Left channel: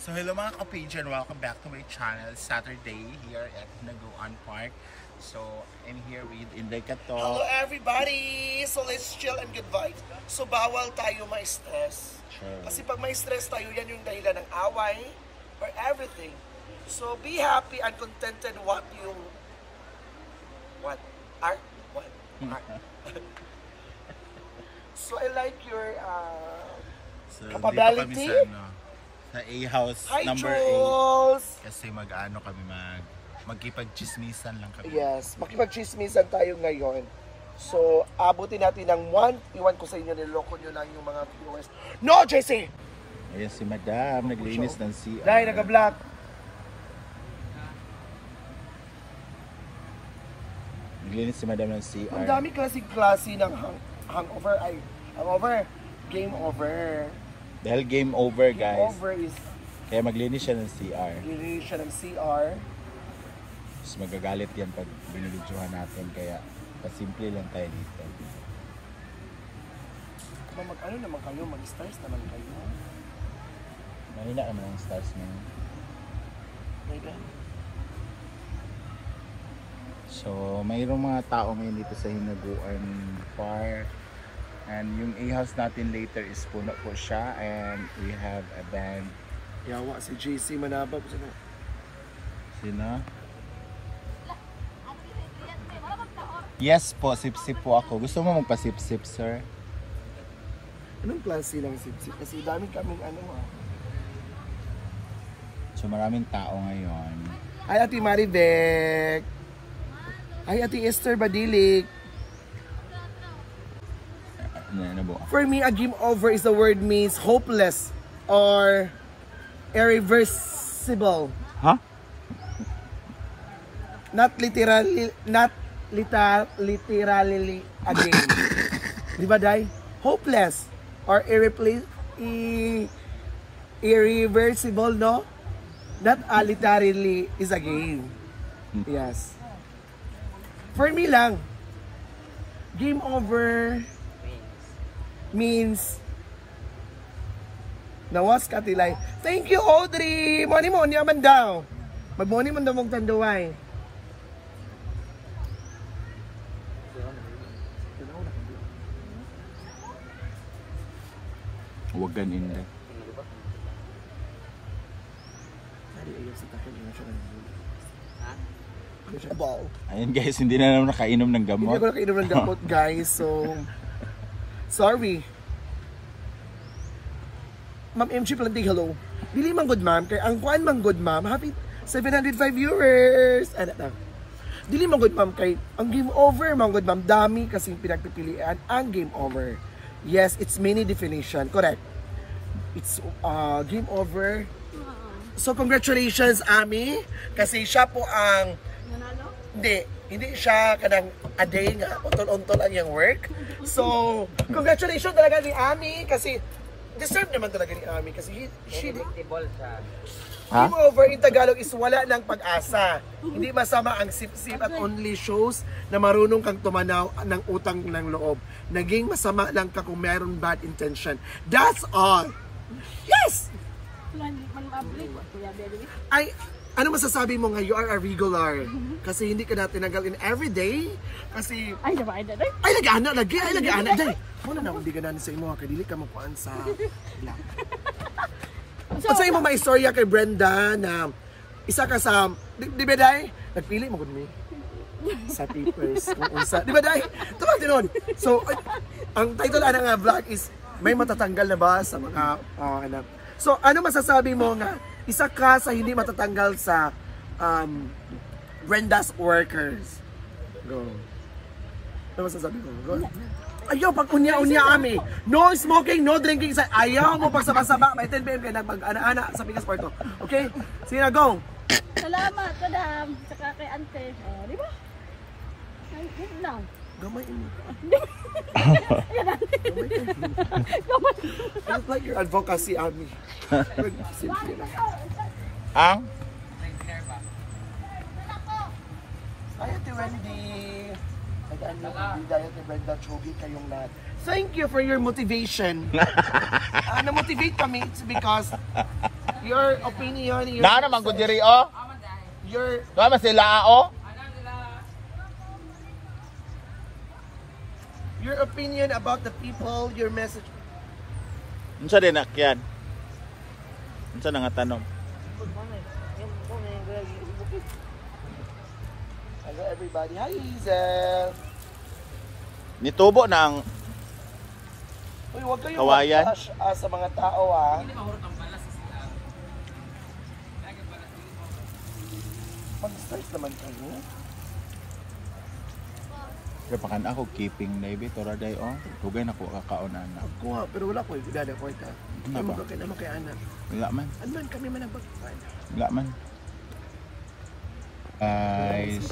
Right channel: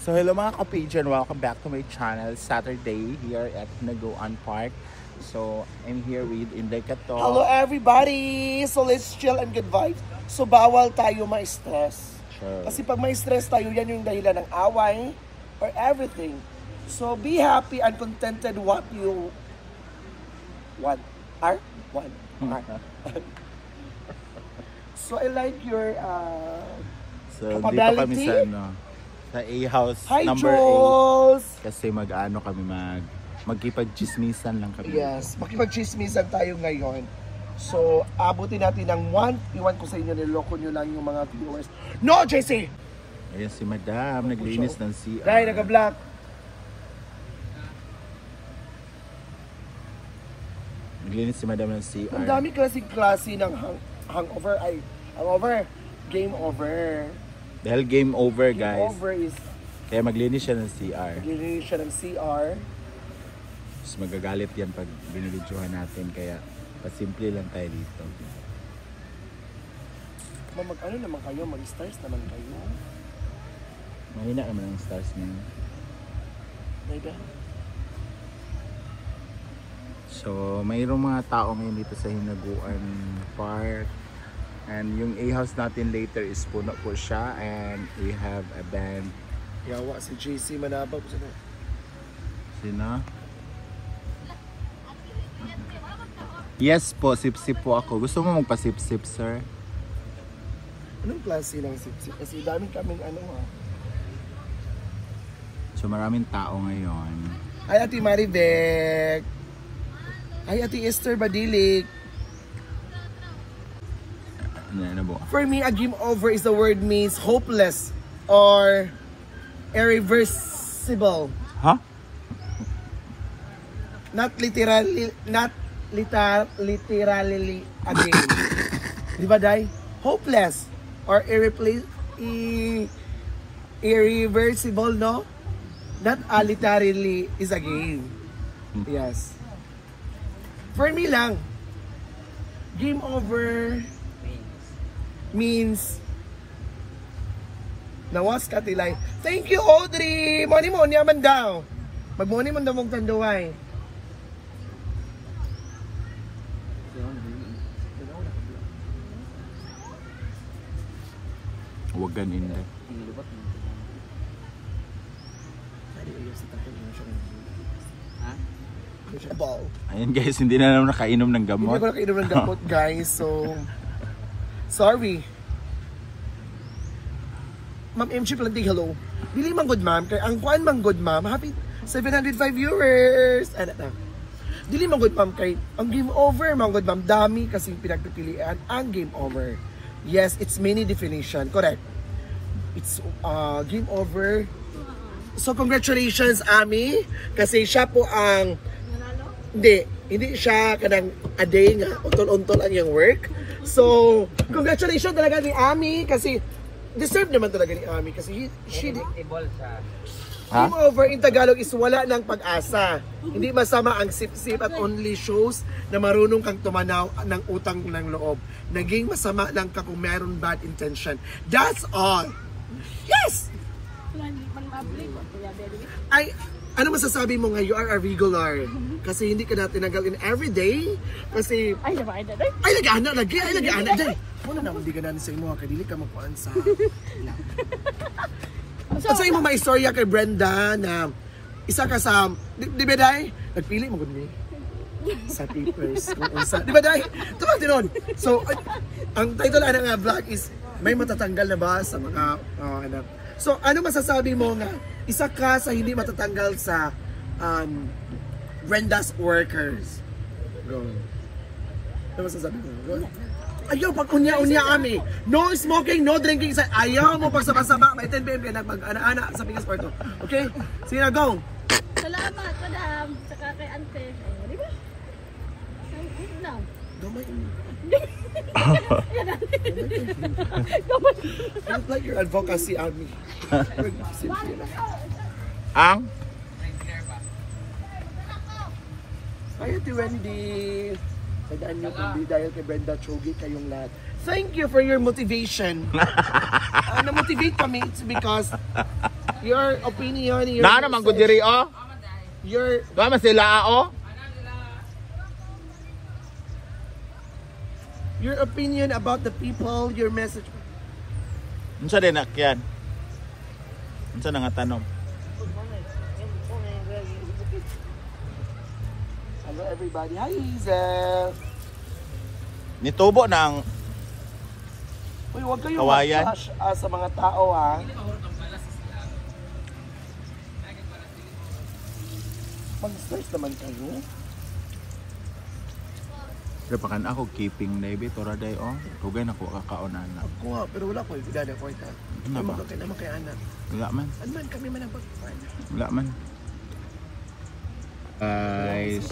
So hello mga ka-pager, welcome back to my channel. Saturday here at Naguan Park. So I'm here with Inday Kato. Hello everybody! So let's chill and good vibes. So bawal tayo ma-stress. Sure. Kasi pag ma-stress tayo, yan yung dahilan ng away or everything. So be happy and contented what you are. So I like your so dito kami sa sa A-House number Jules! 8 kasi mag-ano kami magkipag-chismisan lang kami. Yes, makipag-chismisan tayo ngayon. So, abutin natin ng 1. Iwan ko sa inyo, niloko nyo lang yung mga viewers. No, JC! Ayan si Madam, naglinis ng CR. Dahil nag-block. Naglinis si Madam ng CR. Ang dami klase ng hangover. Game over. Dahil game over, Game guys. over is Kaya maglinis siya ng CR. maglinis siya ng CR. Mas magagalit yan pag binibidyohan natin. Kaya pasimple lang tayo dito. Ano naman kayo? Mag-stars naman kayo. Marina ka mga stars na. Pwede. So, mayroong mga tao ngayon dito sa Hinaguan Park. And yung A-House natin later is puno po siya. And we have a band. Yawa si JC Manabab. Sino? Yes po, sip-sip po ako. Gusto mo magpa-sip-sip, sir? Anong klase ng sip-sip? Kasi dami kami So, maraming tao ngayon. Hi, Ate Maribek. Hi, Ate Esther Badilik. For me, a game over is the word means hopeless or irreversible. Huh? Not literally a game. Di ba, Day? Hopeless or irreversible, no? Not literally is a game. Yes. For me lang, game over means nawas katilay. Thank you, Audrey! Mani mo, niyaman daw. Magmuni mo daw mong tanduay. Huwag ganin na. Ayan guys, hindi na naman nakainom ng gamot. Hindi ko nakainom ng gamot, guys. So, sorry. Ma'am MG Planting, hello. Bili man good, ma'am. Kaya ang kuan man good, ma'am. Happy 705 viewers. Ano na? Dili man good, ma'am. Kay ang game over, man good, ma'am. Dami kasing pinagpipilian ang game over. Yes, it's many definition. Correct. It's game over. So, congratulations, Ami. Kasi siya po ang hindi siya kanang a day nga untol-untol ang yung work. So, congratulations talaga ni Ami kasi deserve naman talaga ni Ami kasi she game over in Tagalog is wala ng pag-asa. Hindi masama ang sip-sip at only shows na marunong kang tumanaw ng utang ng loob. Naging masama lang ka kung meron bad intention. That's all. Yes! Ano masasabi mo nga you are a regular? Kasi hindi ka na tinanggalin everyday. Kasi ay nag-ana. Ano na hindi ka na sa imo kay dili ka magpaan sa. Sa imo may istorya kay Brenda na isa ka sa di ba dai? Nagpili mo gud mi sa papers kung unsa. Di ba dai? Tama tinon. So ang title ana nga vlog is may matatanggal na ba sa mga anak. So ano masasabi mo nga isa ka sa hindi matatanggal sa Brenda's workers? Go. Ano masasabi mo? Go. Ayaw, pag unya-unya kami. No smoking, no drinking. Ayaw mo pag sabang-sabang. May 10 PM ka nagpag-ana-ana sa Pikas Puerto. Okay? Sige na, go! Salamat, madam. Tsaka kay ante. Di ba? Good na. Gamay mo. It's like your advocacy, Ami. Ang? Hi, Ate Wendy. Tagaan niyo kung di dahil kay Brenda Chogi kayong lahat. Thank you for your motivation. Na-motivate kami. It's because Your opinion, Na naman ko diri oh. your Tama sila oh. your opinion about the people, your message. Unsa din nakyan? Unsa na nga tanong? Hello everybody. Hi Hazel. Nitubo na ang Uy, huwag kayong Kawayan. mag-trash sa mga tao ha. Mag-stress naman kayo. Pero pakan ako keeping na ibi tora day oh. Tugay na ko kakaonan na. Kuha, pero wala ko. Ibigada ko ito. Nga ba? Bakit naman kay Anan? Wala man. Anan, kami man ang pagpapan. Wala man. Guys,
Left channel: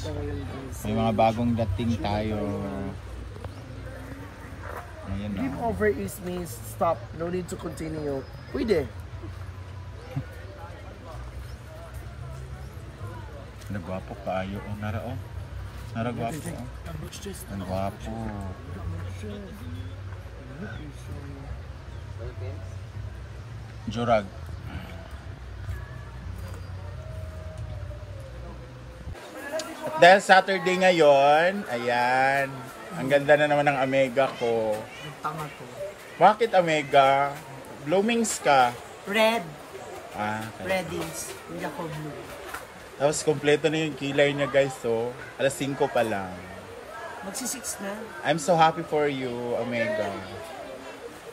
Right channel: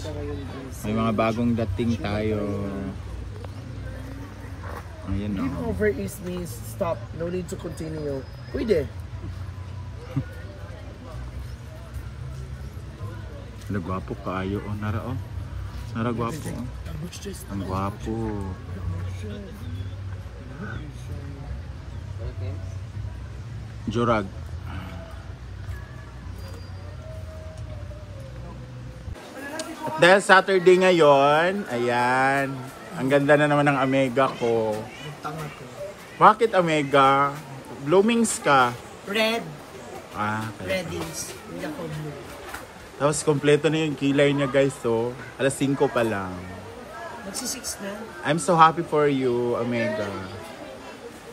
may mga bagong dating tayo. Ayan Give oh. over is means stop. No need to continue. Pwede. Nagwapo kaayo oh. Nara oh. Nara gwapo oh. Ang gwapo. Jurag. Dahil Saturday ngayon, ayan. Ang ganda na naman ng Omega ko. Bakit Omega? Bloomings ka. Red. Ah, kaya. Reddies. Hindi ako blue. Tapos kompleto na yung kilay niya guys, so alas 5 pa lang. Magsi-6 na. I'm so happy for you, Omega.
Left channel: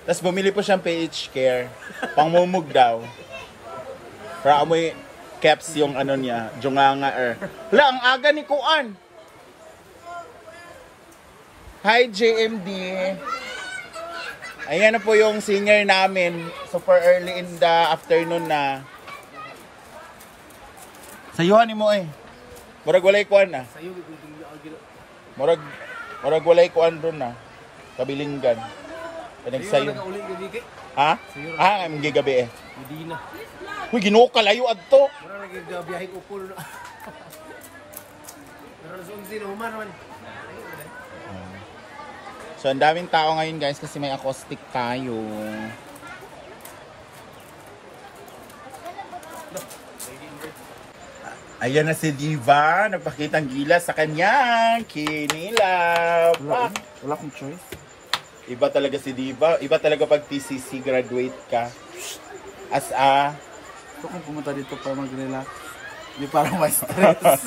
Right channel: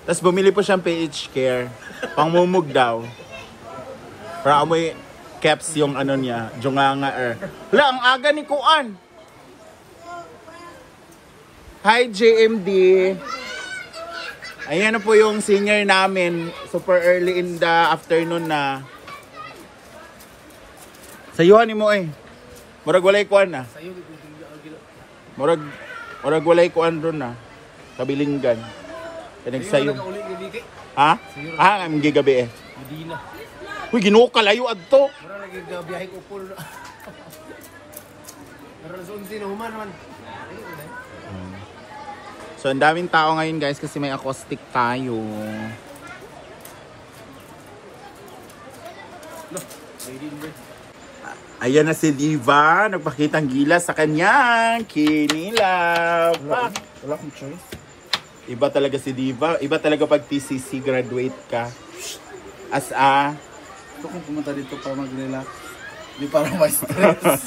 Tapos bumili po siyang PH Care. Pangmumug daw. Para amoy caps yung ano niya, junganga Hala, ang aga ni Kuan. Hi JMD. Ayan na po yung senior namin. Super early in the afternoon na. Sayuhan ni mo eh. Murag walay kuan na. Murag walay kuan ron na. Kabilinggan. Pinagsayo. Ha? Ah, ang gigabi eh. Uy, ginuo ka layo adto. So, ang daming tao ngayon guys kasi may acoustic tayo. Ayan na si Diva, nagpakitang gila sa kanyang kinilab. Wala akong choice. Iba talaga si Diva, iba talaga pag TCC graduate ka. As a... Gusto kong pumunta dito para mag-relax. Hindi para ma-stress.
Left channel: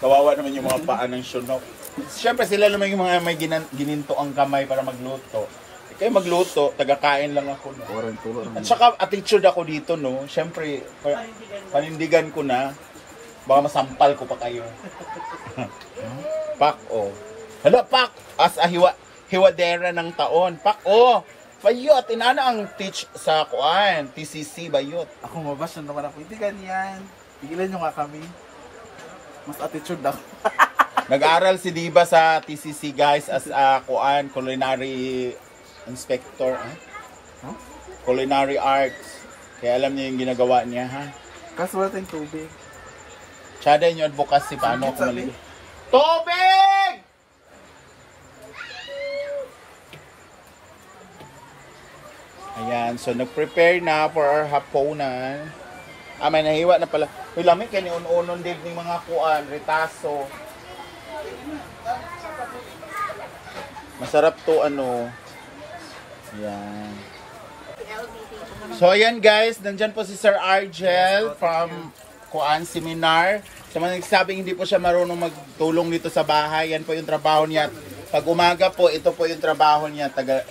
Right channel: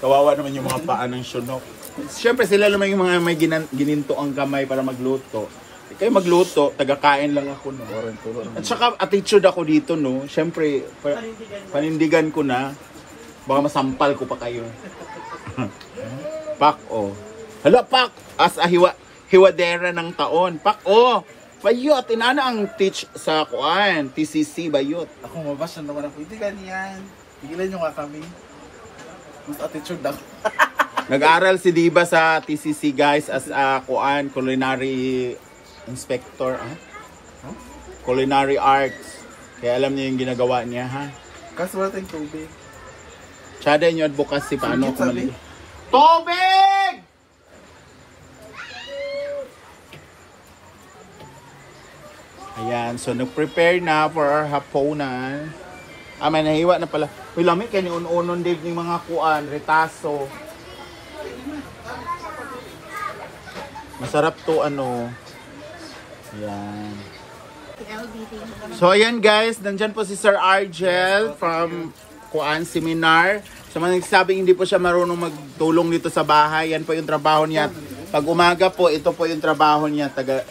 Kawawa naman yung mga paa ng syunok. Siyempre sila naman yung mga may gininto ang kamay para magluto. Kayo magluto, tagakain lang ako, no? At saka attitude ako dito, no? Siyempre, panindigan ko na, baka masampal ko pa kayo. Pak, oh. Hala, Pak! As a hiwadera ng taon. Pak, oh! Bayot, inana ang teach sa kuan, TCC, bayot. Ako mabas na naman ako. Hindi ganyan. Tigilan nyo nga kami. Mas attitude ako. Nag-aral si Diva sa TCC, guys, as a kuan, culinary inspector, culinary arts. Kaya alam niyo yung ginagawa niya, ha? Kaso wala tayong tubig. Tsada yung advocacy, paano ako mali? Tubig! Ayan, so nag-prepare na for our haponan. Ah, may nahiwa na pala. Uy, lamig kayo ni unon Dave ng mga kuan, retaso. Masarap to, ano. Ayan. So, ayan guys, nandyan po si Sir Argel from Kuan Seminar. Sa mga nagsabing hindi po siya marunong magtulong dito sa bahay, yan po yung trabaho niya. Pag umaga po, ito po yung trabaho niya. Taga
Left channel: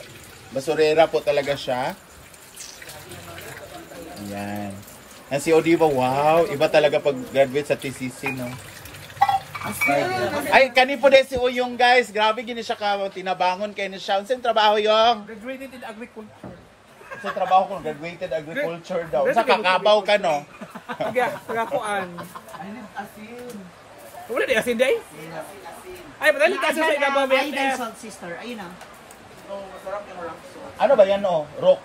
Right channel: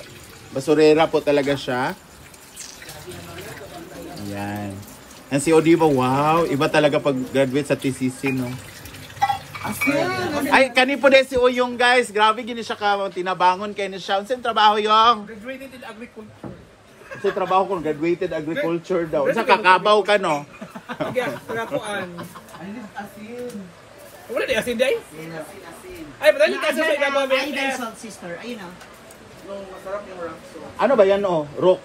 basurera po talaga siya. Ayan. And si Odiva, wow, iba talaga pag graduate sa TCC, no? Ay, kani po din si Uyong guys. Grabe gini siya ka, tinabangon kayo ni siya. Unsang trabaho yung? Graduated in agriculture. Sa trabaho ko, graduated agriculture daw. Sa kakabaw ka, no? Sige, sagapuan. Wala di asin day? Ay, pala ni kasi sa mga Ay, salt sister. Ayun na. Ano ba yan, oh? Rock.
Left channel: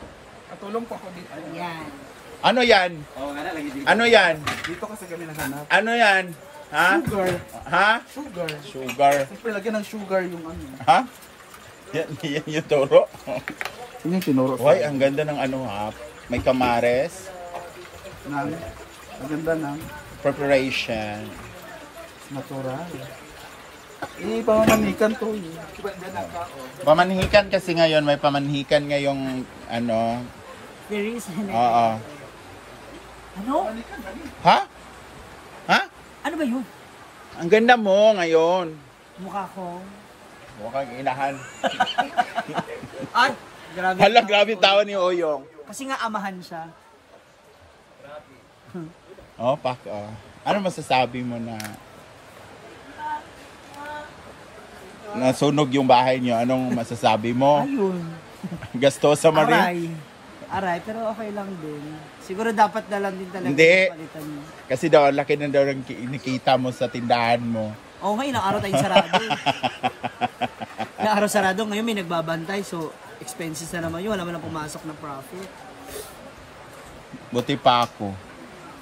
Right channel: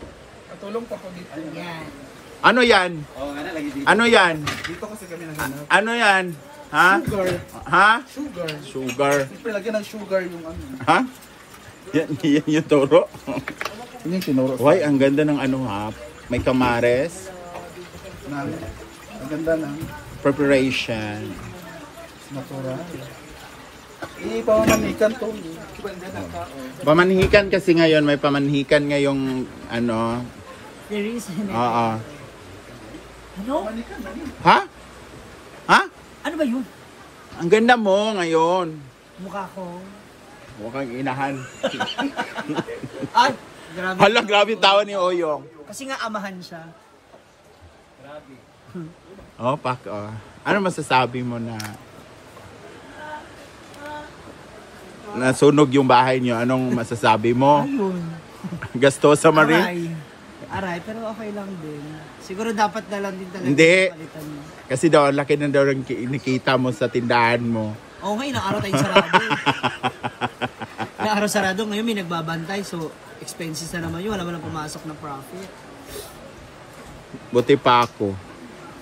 Katulong po ako dito. Yan. Ano yan? Ano yan? Dito kasi kami naghanap. Ano yan? Ha? Sugar. Ha? Sugar. Sugar. Siyempre, lagyan ng sugar yung ano. Ha? Yan yung toro. Hindi yung tinuro. Uy, ang ganda ng ano ha. May kamares. Maganda na. Preparation. Natural. Pamamanikan to. Pamanhikan kasi ngayon, may pamanhikan ngayong ano. Fairies. Oo. Ano? Ha? Ha? Ano ba yun? Ang ganda mo ngayon. Mukha ko. Mukhang inahan. Ay, grabe. Hala, grabe tawa ni Oyong. Kasi nga amahan siya. Oh, pak, oh. Ano masasabi mo na nasunog yung bahay niyo? Anong masasabi mo? Ayun. Gastosa Marie? Aray, pero okay lang din. Siguro dapat na lang din talaga. Hindi. Palitan mo. Kasi daw, laki na daw ang nakita mo sa tindahan mo. Okay, ilang araw tayong sarado. Ilang araw sarado, ngayon may nagbabantay. So, expenses na naman yun. Wala man lang pumasok ng profit. Buti pa ako.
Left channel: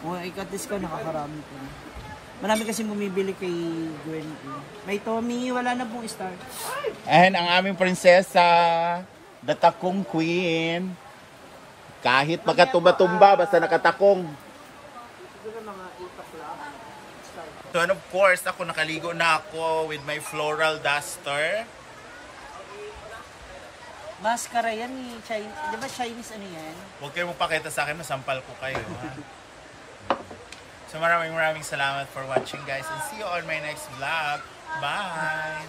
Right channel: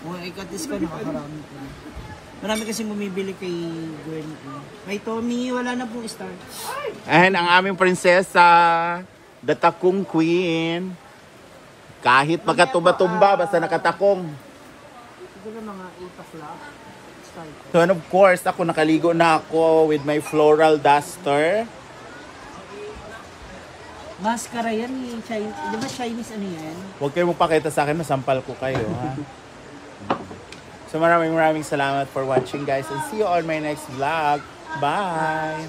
O, ikatis ko, nakakarami ko. Marami kasi bumibili kay Gwen. May Tommy, wala na pong star. And ang aming prinsesa, the takong queen. Kahit magkatumba-tumba, basta nakatakong. So, and of course, ako nakaligo na ako with my floral duster. Mascara yan eh. Di ba Chinese ano yan? Huwag kayo magpakita sa akin, masampal ko kayo, ha? So, maraming salamat for watching, guys. And see you on my next vlog. Bye!